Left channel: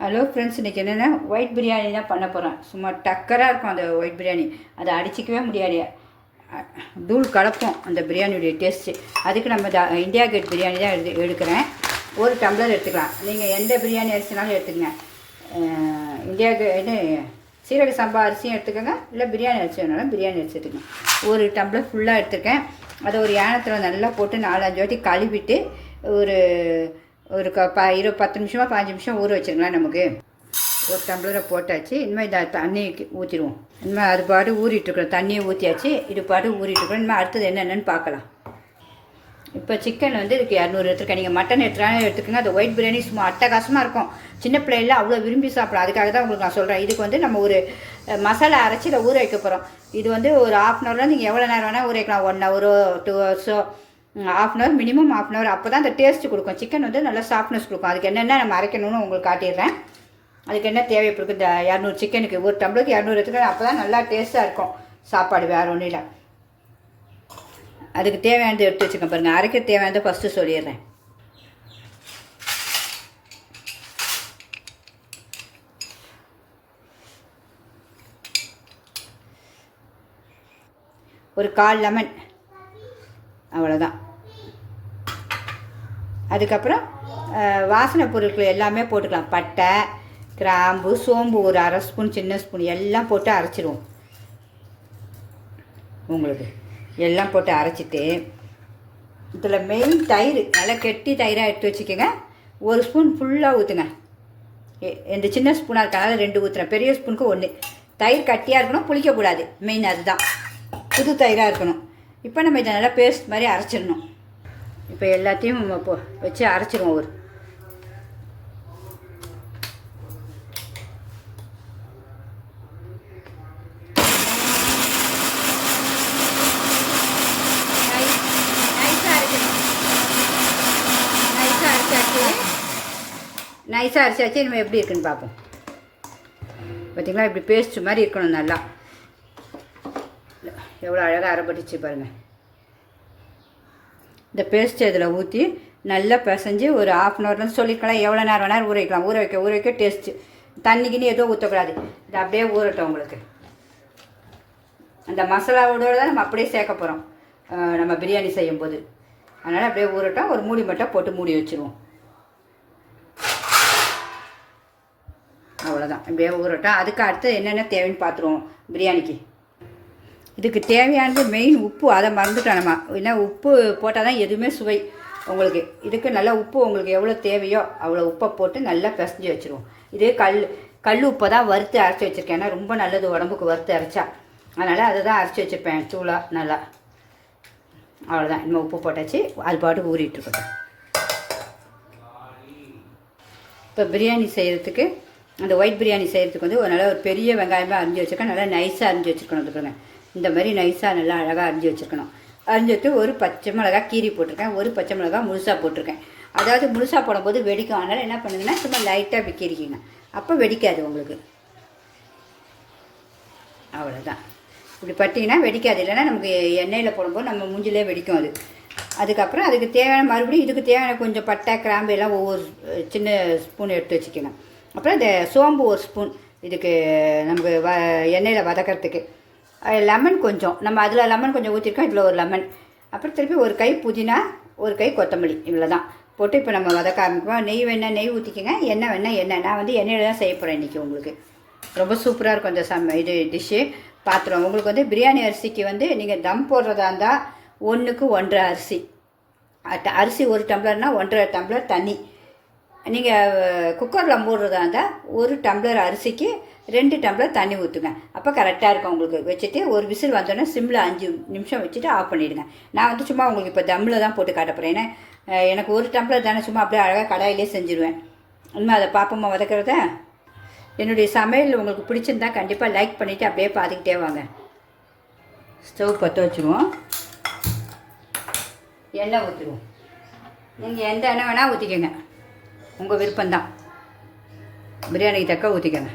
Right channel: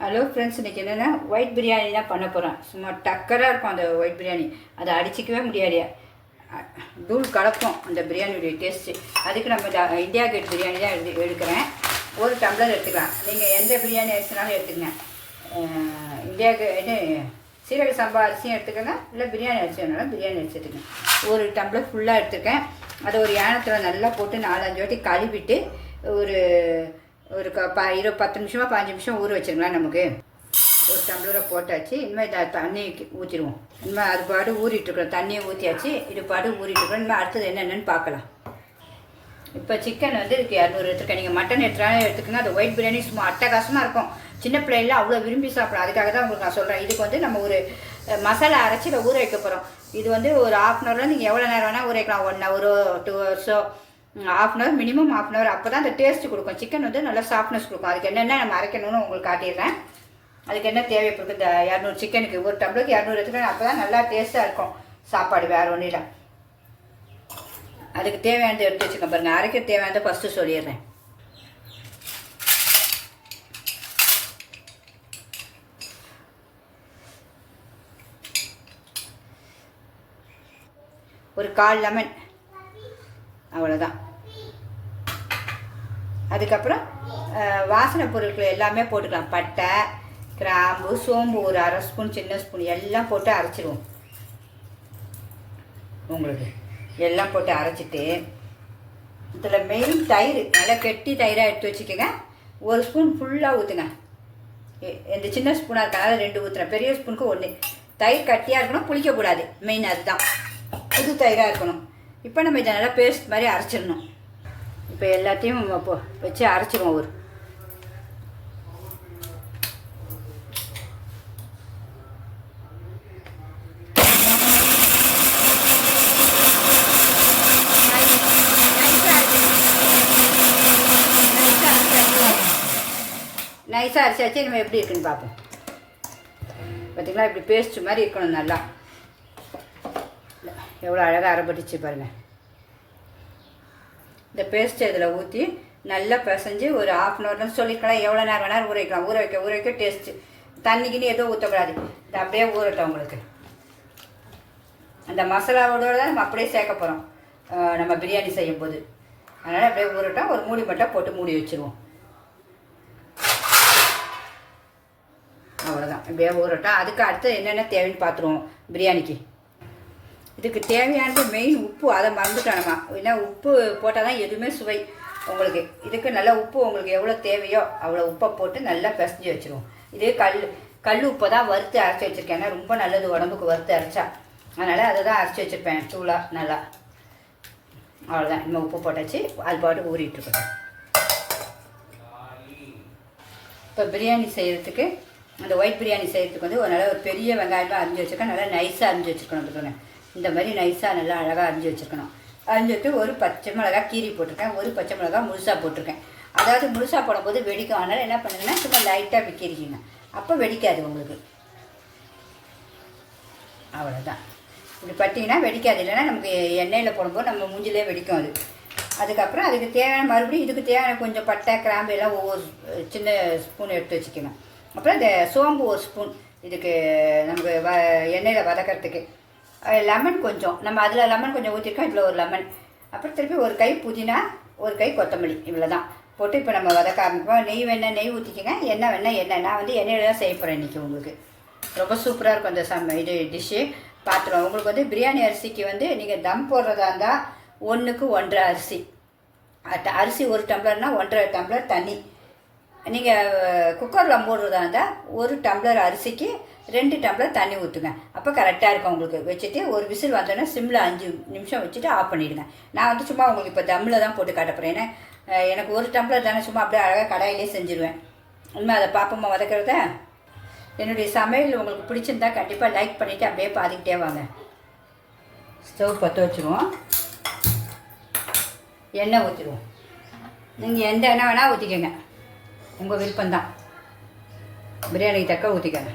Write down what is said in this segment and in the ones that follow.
Hello friends, இன்றைக்கி என்னென்னா white biryani தான் பண்ண போகிறேன். சும்மா டக்கராக இருக்கும் அந்த ஒயிட் பிரியாணி. அதை அடிச்சிக்கவே முடியாது, தூள் கலப்போம் அந்த பிரியாணியுடைய டேஸ்ட்டு. அதுக்கு நம்ம இந்தியா கேட் பிரியாணி தான் எடுக்கிறேன். ஒரு டம்ளர் எடுத்துக்கலாம். நீங்கள் எந்த பிரியாணி அரிசினாலும் எடுத்துக்கங்க. இந்தியா இது சீரக சம்பா அரிசியும் எடுத்துக்கோங்க, இல்லை பிரியாணி அரிசி வேணாலும் பிரியாணி அரிசி எடுத்துக்கங்க. ஒரு டம்ளர் ஃபுல்லாக எடுத்துருக்கேன். அதை ஒரு யானத்தில் நல்லா போட்டு 4-5 வாட்டி கழுவிட்டு ஒரு ஒரு 10 நிமிஷமாக 15 நிமிஷம் ஊற வச்சுருங்களா. நமக்கு ஒரு டம்ளரை போட்டாச்சு. இனிமேல் இதை தண்ணி ஊற்றிடுவோம். இனிமேல் அது பாடு ஊறிட்டுருக்குறோம். தண்ணியை ஊற்றியாச்சு, இது பாடு ஊறிட்டுருக்குறோம். இனிமேல் அடுத்தது என்னென்னு பார்க்கலாம். இப்போ சிக்கன் வந்து இதுக்கு 200 எடுத்துருக்கேன். நீங்கள் மட்டன் எடுத்துக்கோங்க. அது ஒயிட் பிரியாணி சும்மா அட்டகாசமாக இருக்கும். சின்ன பிள்ளைல அவ்வளோ விரும்பி சாப்பிடலாம். அதுக்காக தான் உங்களுக்கு நான் சொல்கிறேன். இதுக்கு வந்து நம்ம ஒரு மசாலா அரைச்சி இதை ஊற வைக்க போகிறோம். இது வந்து ஒரு 1/2 ஹவரில் நீங்கள் எவ்வளோ நேரம் வேணால் ஊற வைக்கலாம். 1 ஹவரோ 2 ஹவர்ஸோ, 1/2 ஹவர் மினிமம் 1/2 ஹவர். அப்போ தான் அந்த டேஸ்ட்டு கொடுக்கும். சிக்கன் வந்து நல்லா சாஃப்ட்னஸ் கொடுக்கும். அதுக்கு என்னென்ன நம்ம அரைக்கணும்னு உங்களுக்கு காட்டிடுறேன். அதுக்கு என்ன தேவைப்படுது, இந்த 200 சிக்கனுக்கு ஒரு டம்ளருக்கு 200 எடுத்துக்கிறேன். அப்போ தான் நல்லா டேஸ்ட்டாக இருக்கும் சாப்பாடு, வேறு ஒன்றும் இல்லை. அதுக்கு தேவையானது எடுத்து வச்சுக்கோங்க. பாருங்கள், அரைக்க தேவையானதை ஃபஸ்ட்டு சொல்லிடுறேன். ஒரு 1/4 லெமன், அவ்வளோதான். அதுக்கப்புறம் வாசனை பொருட்கள் எல்லாமே போட்டுக்கலாம். பட்டை, கிராம்பு, சோம்பு ஒரு 1/2 ஸ்பூன், சின்ன ஸ்பூன் எல்லாம் போட்டு அரைச்சிடுவோம். உங்களுக்கு எல்லாம் போட்டு அரைச்சிட்டு இதில் மெயின் தயிர், நல்லா கெட்டி தயிராக எடுத்து வச்சுக்கோங்க. 1 ஸ்பூன் ஃபுல்லாக ஊற்றுங்க. இந்த சின்ன ஸ்பூனாக இருக்கனால 2 ஊற்றுறேன். பெரிய ஸ்பூனுக்கு 1. தயிர் கட்டியாக இருக்கணும், புளிக்கக்கூடாது. மெயின் அதுதான். புது தயிராக இருக்கணும். இப்போ நம்ம இதை நல்லா பேஸ்ட் மாதிரி அரைச்சிடணும். இப்போ எல்லாத்தையும் வச்சு அரைச்சிடுவோம். ஒரு நைஸாக அரைச்சாச்சு. நம்ம எப்படி இருக்குன்னு பார்ப்போம். பார்த்திங்களா, இப்படி பேஸ்ட் மாதிரி இருக்கணும். நல்லா எவ்வளோ அழகாக அரைப்பட்டுச்சு பாருங்கள். இந்த பேஸ்ட்டு இதில் ஊற்றி நல்லா பிசைஞ்சு ஒரு 1/2 ஹவர்னு சொல்லிக்கலாம். எவ்வளோ நேரம் வேணாலும் ஊற வைக்கலாம். ஊற வைக்க டேஸ்ட்டு. தண்ணிக்குன்னு எதுவும் ஊற்றக்கூடாது. இது அப்படியே ஊறட்டும். உங்களுக்கு அந்த மசாலாவோட தான் நம்ம அப்படியே சேர்க்க போகிறோம் நம்ம பிரியாணி செய்யும்போது. அதனால் அப்படியே ஊறட்டும். ஒரு மூடி மட்டும் போட்டு மூடி வச்சுருவோம். அவ்வளோதான், அப்படியே ஊறட்டும். அதுக்கு அடுத்து என்னென்ன தேவைன்னு பார்த்துருவோம் பிரியாணிக்கு. இதுக்கு தேவையானது மெயின் உப்பு. அதை மறந்துட்டோம் நம்ம. ஏன்னா உப்பு போட்டால் தான் எதுவுமே சுவை உங்களுக்கு. இதுக்கு நல்லா உப்பு உங்களுக்கு எவ்வளோ தேவையோ அவ்வளோ உப்பை போட்டு நல்லா பிசைஞ்சு வச்சுருவோம். இதே கல் உப்பை தான் வறுத்து அரைச்சி வச்சுருக்கேன். ஏன்னா ரொம்ப நல்லது உடம்புக்கு வறுத்து அரைச்சா. அதனால் அதை தான் அரைச்சி வச்சுருப்பேன் சூளாக நல்லா. அவ்வளோதான், நம்ம உப்பு போட்டாச்சு. அது பாட்டுக்கு ஊறிட்டுருக்கோம். இப்போ பிரியாணி செய்கிறதுக்கு, அந்த ஒயிட் பிரியாணி செய்கிறதுக்கு வந்து ஒரு பெரிய வெங்காயமாக அரிஞ்சு வச்சுருக்கேன். நல்லா நைஸாக அரிஞ்சு வச்சுருக்கணும். இந்த மாதிரி நைஸாக நல்லா அழகாக அரிஞ்சு வச்சுருக்கணும். அரிஞ்சிட்டு ஒரு பச்சை மிளகா கீரி போட்டிருக்கேன். ஒரு பச்சை மிளகா முழுசாக போட்டிருக்கேன். அதாவது முழுசாக போடும்போது வெடிக்கும். அதனால் என்ன பண்ணுங்கன்னா சும்மா லைட்டாக விற்கிறீங்க, அப்போ வெடிக்காது உங்களுக்கு. அவ்வளோதான். இப்படி பட்டிங்கன்னா வெடிக்காது. இல்லைன்னா நமக்கு எண்ணெயில் போடும்போது நம்ம மூஞ்சிலே வெடிக்கும் அது. அதுக்கப்புறம் அதுக்கு தேவையான மறுபடியும் இதுக்கு தேவையான கொஞ்சம் பட்டை, கிராம்பு எல்லாம் ஒவ்வொரு சின்ன ஸ்பூன் எடுத்து வச்சுக்கணும். அப்புறம் இந்த சோம்பு 1 ஸ்பூன் இதுக்கு நமக்கு எண்ணெயில் வதக்கிறதுக்கு. லெமன் கொஞ்சம், நம்ம அதில் லெமன் கொஞ்சம் ஊற்றிருக்கோம். இதில் ஒரு லெமன். அப்புறம் திருப்பி ஒரு கை புதினா, ஒரு கை கொத்தமல்லி, இவ்வளோ தான் போட்டு இப்போ நம்ம வதக்க ஆரம்பிப்போம். நெய் வேணால் நெய் ஊற்றிக்கங்க, எண்ணெய் வேணால் எண்ணெய். நான் வந்து எண்ணெயில் தான் செய்ய போகிறேன் இன்றைக்கி. உங்களுக்கு ரொம்ப சூப்பராக இருக்கும் இந்த இது டிஷ்ஷு. பாத்திரம் உங்களுக்கு வந்து பிரியாணி அரிசிக்கு வந்து நீங்கள் தம் போடுறதா இருந்தால் 1க்கு 1.5 அரிசி. அரிசி 1 டம்ளர்னால் 1.5 டம்ளர் தண்ணி. நீங்கள் குக்கரில் போடுறதா இருந்தால் 1 டம்ளர் அரிசிக்கு 2 டம்ளர் தண்ணி ஊற்றுங்க. அப்போ கரெக்டாக இருக்கும் உங்களுக்கு. வச்சுட்டு ஒரு விசில் வந்தோடனே சிம்மில் 5 நிமிஷம் வச்சுட்டு ஆஃப் பண்ணிவிடுங்க. நான் வந்து சும்மா உங்களுக்கு இப்போ தம்மில் தான் போட்டு காட்டப்போகிறேன். ஏன்னா எனக்கு 1 டம்ளர் தானே, சும்மா அப்படியே அழகாக கடாயிலே செஞ்சுருவேன். இன்னும் அதை பாப்பமாக வதக்கிறத. என்னுடைய சமையல் உங்களுக்கு பிடிச்சிருந்தா கண்டிப்பாக லைக் பண்ணிவிட்டு அப்படியே பார்த்துக்கிட்டே வாங்க. ஸ்டவ் பற்ற வச்சுருவோம். எண்ணெய் ஊற்றிடுவோம். நீங்கள் எந்த எண்ணெய் வேணால் ஊற்றிக்கங்க, உங்கள் விருப்பம்தான். பிரியாணிக்கு தக்க ஊற்றிக்கங்க.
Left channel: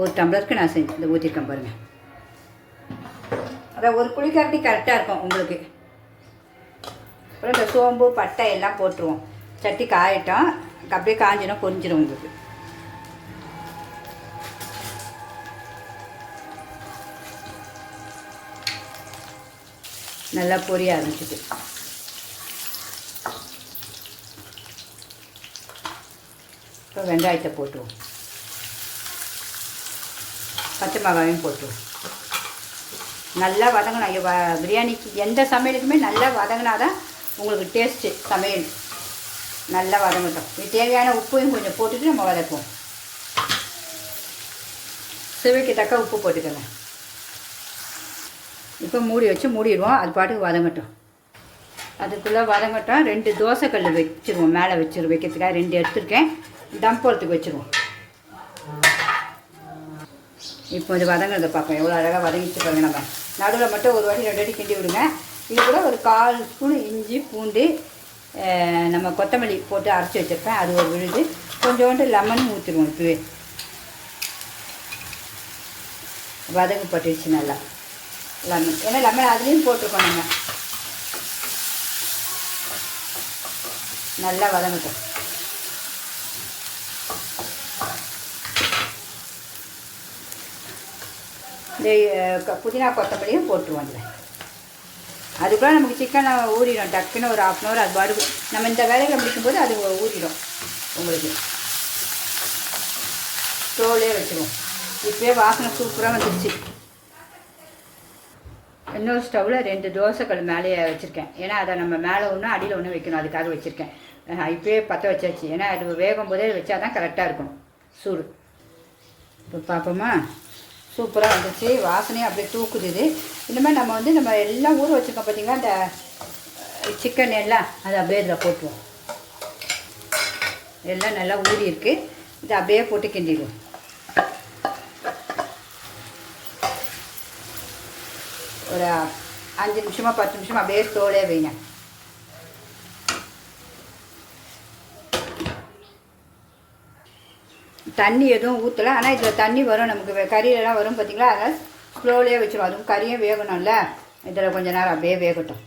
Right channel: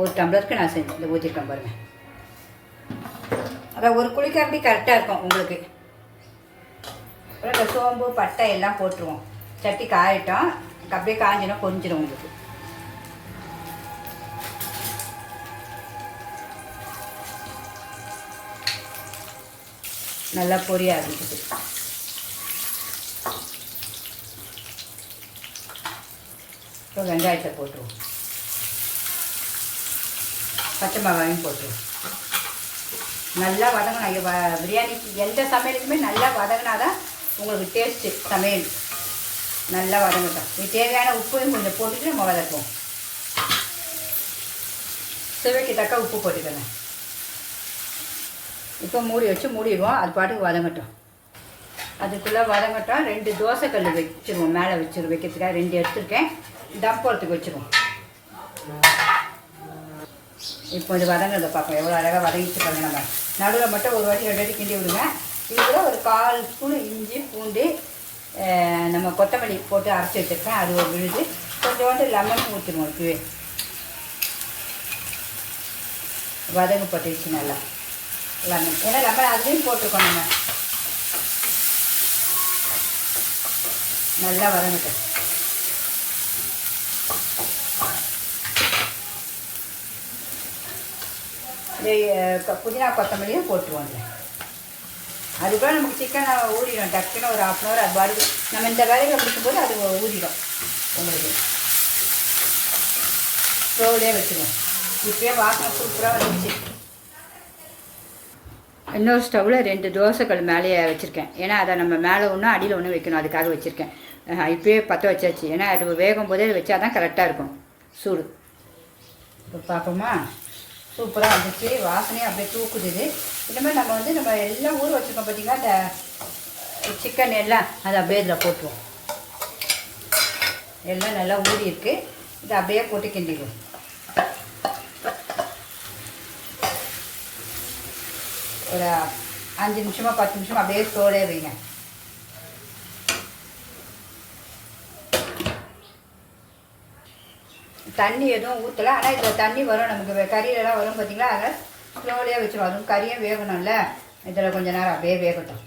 1 டம்ளருக்கு நான் இந்த ஊற்றிருக்கேன் பாருங்கள். அதான் ஒரு குழிக்கரண்டி கரெக்டாக இருக்கும் உங்களுக்கு. அப்புறம் இந்த சோம்பு, பட்டை எல்லாம் போட்டுருவோம். சட்டி காயட்டும். அப்படியே காஞ்சிடும், பொரிஞ்சிடும் உங்களுக்கு. நல்லா பொரிய ஆரம்பிச்சிது. இப்போ வெங்காயத்தை போட்டுருவோம், பச்சை மிளகாயும் போட்டுருவோம். நல்லா வதங்கணும். பிரியாணிக்கு எந்த சமையலுக்குமே நல்லா வதங்கினா தான் உங்களுக்கு டேஸ்ட்டு சமையல். நல்லா வதங்கட்டும். இது தேவையான உப்பையும் கொஞ்சம் போட்டுட்டு நம்ம வதக்குவோம். சுவைக்கு தக்க உப்பு போட்டுக்கோங்க. இப்போ மூடி வச்சு மூடிடுவோம், அது பாட்டுக்கு வதங்கட்டும். அதுக்குள்ளே வதங்கட்டும். 2 தோசைக்கல் வச்சுருவோம், மேலே வைக்கிறதுக்காக 2 எடுத்துருக்கேன். தம் போடுறதுக்கு வச்சுருவோம். இப்போ இது வதங்கிறத பார்ப்போம், எவ்வளோ அழகாக வதங்கிச்சு பாருங்க. நம்ம நடுவில் மட்டும் ஒரு வாட்டி 2 வாட்டி கிண்டி விடுங்க. இது கூட ஒரு 1/4 ஸ்பூன் இஞ்சி பூண்டு நம்ம கொத்தமல்லி போட்டு அரைச்சி வச்சுருக்கேன், அது ஒரு விழுது. கொஞ்சோண்டு லெமன் ஊற்றிடுவோம். இப்போவே வதங்கு பட்டுச்சு நல்லா லெமன், ஏன்னா லெமன் அதுலேயும் போட்டுருக்கோம். நம்ம நல்லா வதங்கட்டும். இந்த புதினா கொத்தமல்லியும் போட்டுருவோம். அதில் அதுக்குலாம் நமக்கு சிக்கன் ஊறிடும் டக்குன்னு ஒரு 1/2 hour. அது பாடு நம்ம இந்த வேலையை முடிக்கும்போது அது ஊறிடும் உங்களுக்கு. ஸ்டோவ்லேயே வச்சுருவோம். இப்போயே வாசனை சூப்பராக வந்துடுச்சு. இன்னொரு ஸ்டவ்வில் 2 தோசைக்கல் மேலேயே வச்சுருக்கேன். ஏன்னா அதை நம்ம மேலே ஒன்று அடியில் ஒன்று வைக்கணும், அதுக்காக வச்சுருக்கேன். இப்போயே பற்ற வச்சாச்சு. ஏன்னா அது வேகும் போதே வச்சா தான் கரெக்டாக இருக்கும் சூடு. இப்போ பார்ப்போமா, சூப்பராக வந்துச்சு. வாசனையும் அப்படியே தூக்குது. இனிமேல் நம்ம எல்லாம் ஊற வச்சுருக்கோம் பார்த்தீங்கன்னா, இந்த சிக்கன் எல்லாம் அதை அப்படியே இதில் போட்டுருவோம். எல்லாம் நல்லா ஊறி இருக்குது. இதை அப்படியே போட்டு கிண்டிடுவோம். ஒரு 5 நிமிஷமாக 10 நிமிஷம் அப்படியே தோலே வைங்க. தண்ணி எதுவும் ஊற்றலை, ஆனால் இதில் தண்ணி வரும் நமக்கு, கறியெல்லாம் வரும் பார்த்தீங்களா. அதனால் ஸ்லோவிலே வச்சிடும். அதுவும் கறியும் வேகணும்ல, இதில் கொஞ்சம் நேரம் அப்படியே வேகட்டும்.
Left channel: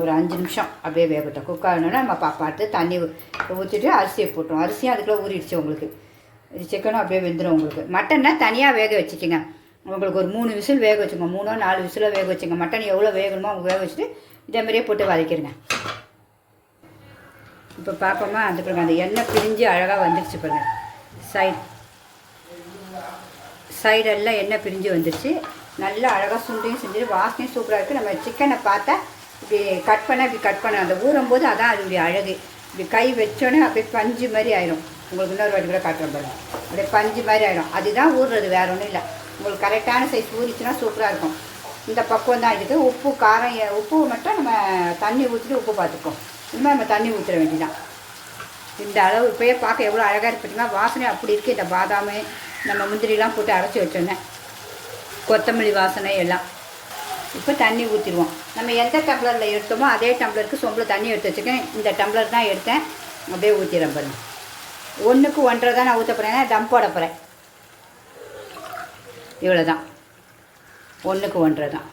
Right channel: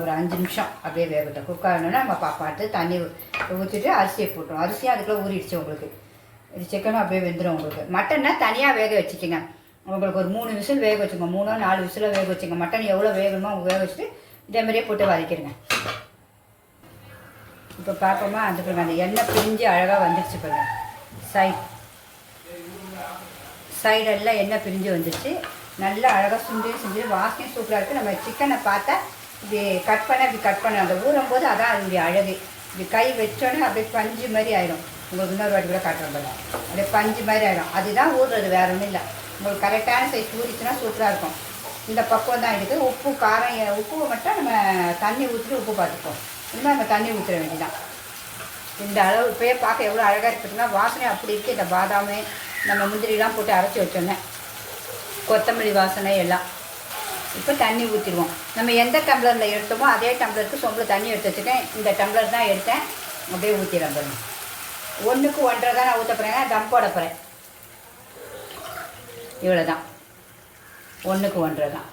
ஒரு 5 நிமிஷம் அப்படியே வேகட்டும். குக் ஆகணுன்னா நம்ம பார்த்து தண்ணி ஊற்றிட்டு அரிசியை போட்டுரும். அரிசியும் அதுக்குள்ளே ஊறிடுச்சு உங்களுக்கு. இது சிக்கனும் அப்படியே வெந்துடும் உங்களுக்கு. மட்டன்னா தனியாக வேக வச்சுக்கோங்க. உங்களுக்கு ஒரு 3 விசில் வேக வச்சுங்க, 3 or 4 விசில் வேக வச்சுங்க. மட்டன் எவ்வளோ வேகணுமோ அவங்க வேக வச்சுட்டு இதேமாதிரியே போட்டு வதக்கிடுங்க. இப்போ பார்ப்போமா, அந்த எண்ணெய் பிரிஞ்சு அழகாக வந்துடுச்சு பாருங்க. சைடெல்லாம் எண்ணெய் பிரிஞ்சு வந்துடுச்சு. நல்லா அழகாக சுண்டையும் செஞ்சுட்டு வாசனையும் சூப்பராக இருக்குது. நம்ம சிக்கனை பார்த்தா இப்படி கட் பண்ண அந்த ஊறும் போது அதான் அதனுடைய அழகு. இப்படி கை வச்சோன்னே அப்படியே பஞ்சு மாதிரி ஆயிடும். உங்களுக்கு இன்னொரு வாட்டி கூட காட்டுறோம் பாருங்க. அப்படியே பஞ்சு மாதிரி ஆகிடும். அதுதான் ஊறுறது, வேறு ஒன்றும் இல்லை. உங்களுக்கு கரெக்டான சைஸ் ஊறிச்சுன்னா சூப்பராக இருக்கும். இந்த பக்குவம் தான் இருக்குது. உப்பு காரம் உப்பு மட்டும் நம்ம தண்ணி ஊற்றிட்டு உப்பு பார்த்துப்போம். இன்னும் நம்ம தண்ணி ஊற்ற வேண்டியதான். இந்த அளவு இப்போயே பார்க்க எவ்வளோ அழகாக இருக்குதுன்னா, வாசனை அப்படி இருக்குது. இந்த பாதாம் நம்ம முந்திரிலாம் போட்டு அரைச்சி வச்சோன்னே கொத்தமல்லி வாசனை எல்லாம். இப்போ தண்ணி ஊற்றிடுவோம். நம்ம எந்த டம்ளரில் எடுத்தோமோ அதே டம்ளருக்கு சொம்பில் தண்ணி எடுத்து வச்சுக்கேன். இந்த டம்ளர் தான் எடுத்தேன், அப்படியே ஊற்றிடுறேன் பாருங்க. 1க்கு 1.5 தான் நான் ஊற்ற போகிறேன், தம் போட போகிறேன். இவ்வளோ தான், 1க்கு 1.5 தான்.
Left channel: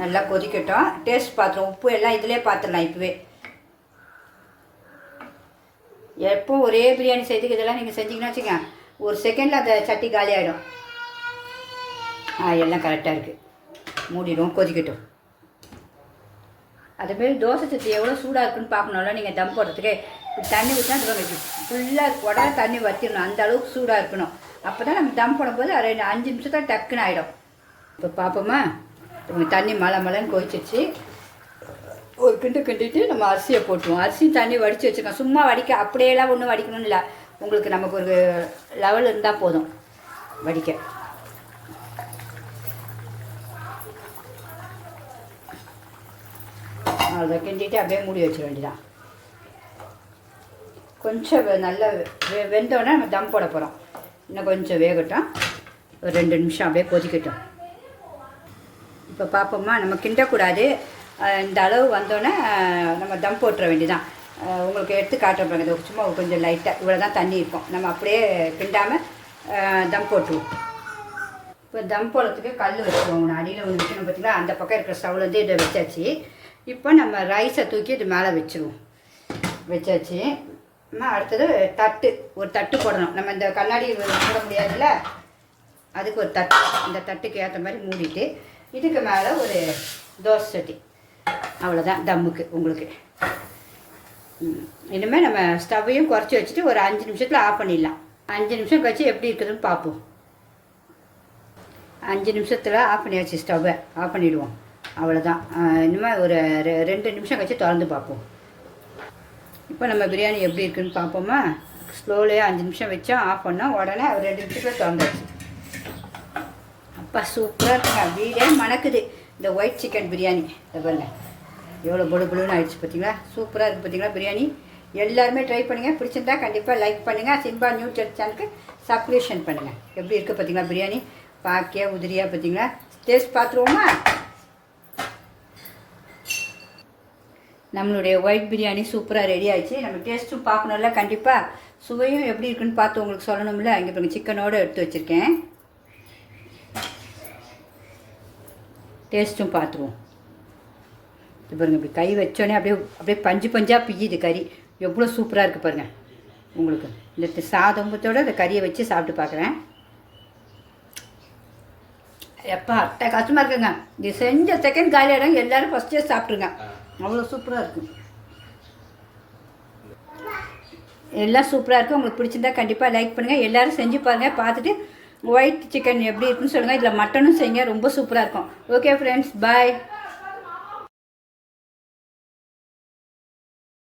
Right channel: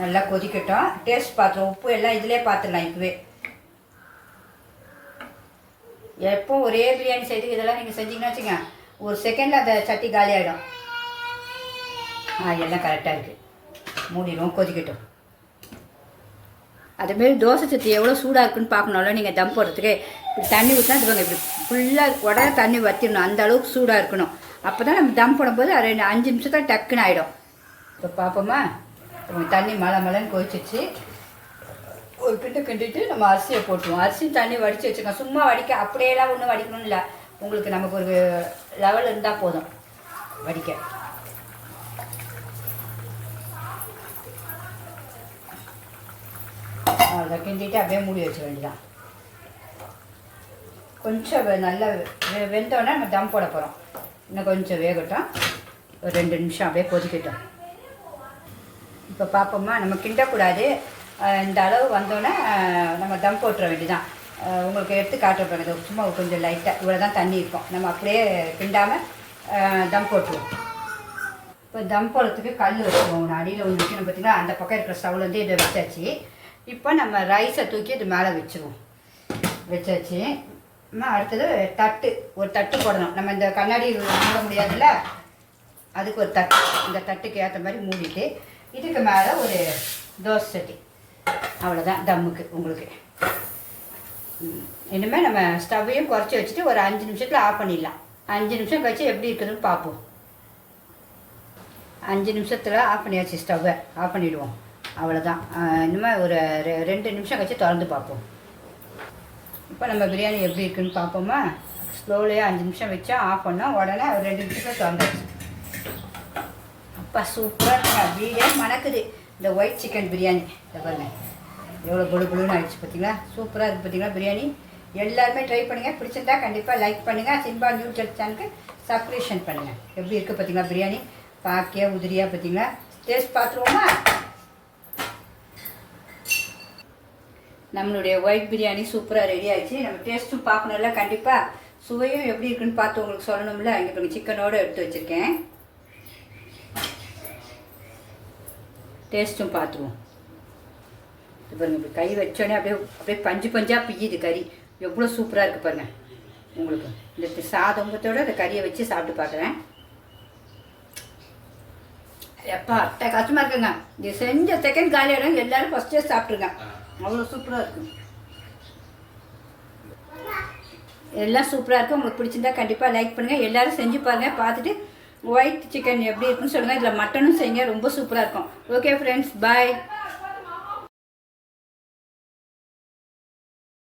நல்லா கொதிக்கட்டும். டேஸ்ட் பார்த்துருவோம். உப்பு எல்லாம் இதிலே பார்த்துடலாம். இப்போவே எப்போ ஒரே பிரியாணி செய்துக்கு இதெல்லாம் நீங்கள் செஞ்சீங்கன்னா வச்சுங்க, ஒரு செகண்டில் அந்த சட்டி காலி ஆகிடும். எல்லாம் கரெக்டாக இருக்குது. மூடிடுவோம், கொதிக்கட்டும். அதுமாரி தோசை சட்டி எவ்வளோ சூடாக இருக்குன்னு பார்க்கணும்ல. நீங்கள் தம் போடுறதுக்கு இப்படி தண்ணி ஊற்றினா இப்படி ஃபுல்லாக உடனே தண்ணி வற்றிடணும். அந்த அளவுக்கு சூடாக இருக்கணும். அப்போ தான் நம்ம தம் போடும்போது 5 நிமிஷத்தில் டக்குன்னு ஆகிடும். இப்போ பார்ப்போமா, தண்ணி மலைன்னு கொதிச்சிச்சு. ஒரு கிண்டிட்டு நம்ம அரிசியை போட்டுருவோம். அரிசி தண்ணி வடித்து வச்சுக்கோங்க. சும்மா அப்படியெல்லாம் ஒன்றும் வடிக்கணும்னு இல்லை. உங்களுக்கு நமக்கு ஒரு லெவல் இருந்தால் போதும் வடிக்க. அதை கிண்டிட்டு அப்படியே மூடி வச்ச வேண்டியதான். கொஞ்சம் நல்லா வெந்தோடனே நம்ம தம் போட போகிறோம். இன்னும் கொஞ்சம் வேகட்டும். ஒரு 2 நிமிஷம் அப்படியே கொதிக்கட்டும். இப்போ பார்ப்போமா, நம்ம கிண்டக்கூடாது. இந்த அளவு வந்தோடனே நம்ம தம் போட்டுற வேண்டியதான். உங்களுக்கு எடுத்து காட்டுறோம். இதை சும்மா கொஞ்சம் லைட்டாக இவ்வளோ தான் தண்ணி இருக்கும். நம்ம அப்படியே கிண்டாமல் தம் போட்டுருவோம். இப்போ தம் போடுறதுக்கு கல் வச்சுருவோம். அடியில் ஒன்று வைக்கணும் பார்த்தீங்கன்னா, அந்த பக்கம் இருக்கிற ஸ்டவ்லேருந்து இதை வச்சாச்சு. இப்போ நம்ம ரைஸை தூக்கி இது மேலே வச்சுருவோம். வச்சாச்சு. அடுத்தது ஒரு தட்டு போடணும். நம்ம இந்த கண்ணாடி மூட முடியாதுல்ல, அதுக்கு ஒரு தட்டு, இந்த தட்டுக்கு ஏற்ற மாதிரி மூடிட்டு இதுக்கு மேலே ஒரு தோசை சட்டி, அவ்வளோதான் தம்முக்கு உங்களுக்கு. இனிமேல் நம்ம ஸ்டவ்வையும் குறைச்சி வச்சுட்டு ஒரு 5 நிமிஷத்தில் ஆஃப் பண்ணிடலாம். 5 நிமிஷம் கழிச்சு எப்படி இருக்குதுன்னு பார்ப்போம். 5 நிமிஷத்தில் ஆஃப் பண்ணியாச்சு, ஸ்டவ்வை ஆஃப் பண்ணிவிடுவோம். அவ்வளோதான். இனிமேல் ஒரு 2 நிமிஷம் கழிச்சு திறந்து பார்ப்போம். இப்போ நம்ம பிரியாணி எப்படி இருக்குதுன்னு பார்ப்போமா? ஸ்லோலேயே 5 நிமிஷம் வச்சா ஆஃப் பண்ணோம், உடனே ஒரு 2 நிமிஷத்தில் திறந்துச்சு. அப்பா சூப்பராக இருக்குங்க, அப்படியே மணக்குது இந்த ஒயிட் சிக்கன் பிரியாணி. பாருங்க எவ்வளோ பொழு பொழுன்னு ஆயிடுச்சு பார்த்தீங்களா? சூப்பராக இருக்குது பார்த்தீங்களா பிரியாணி. எல்லாருமே ட்ரை பண்ணுங்கள். பிடிச்சிருந்தா கண்டிப்பாக லைக் பண்ணுங்கள். சிம்பா நியூ சேனலுக்கு சப்ஸ்கிரிப்ஷன் பண்ணுங்கள். எப்படி இருக்குது பார்த்தீங்களா பிரியாணி? பாக்கியா உதிரியாக பார்த்தீங்களா? டேஸ்ட் பார்த்துருவோமா? நம்மளுடைய ஒயிட் பிரியாணி சூப்பராக ரெடி ஆகிடுச்சு. நம்ம டேஸ்ட்டும் பார்க்கணும்ல, கண்டிப்பாக சுவையும் எப்படி இருக்குன்னு பார்த்து உங்களுக்கு சொல்லணும்ல. இங்கே பாருங்கள் சிக்கனோடு எடுத்து வச்சுருக்கேன். டேஸ்ட்டும் பார்த்துருவோம். இது பாருங்கள், இப்படி கை வச்சோடனே அப்படியே பஞ்சு பஞ்சாக பிய்யுது கறி. எவ்வளோ சூப்பராக இருக்குது பாருங்கள். உங்களுக்கு இந்த சாதம்பத்தோடு அந்த கறியை வச்சு சாப்பிட்டு பார்க்குறேன். எப்பா அட்டை கஷ்டமாக இருக்குங்க. இது செஞ்ச செகண்ட் காலியிடம் எல்லோரும் ஃபஸ்ட்டே சாப்பிட்ருங்க. அவ்வளோ சூப்பராக இருக்கும். எல்லாம் சூப்பராக இருக்கும். உங்களுக்கு பிடிச்சிருந்தா கண்டிப்பாக லைக் பண்ணுங்கள். எல்லோரும் செஞ்சு பாருங்கள். பார்த்துட்டு ஒயிட் சிக்கன் எப்படி இருக்குன்னு சொல்லுங்கள். இதில் மட்டனும் செய்யுங்க, ரொம்ப சூப்பராக இருக்கும். ஓகே ஃப்ரெண்ட்ஸ், பாய்.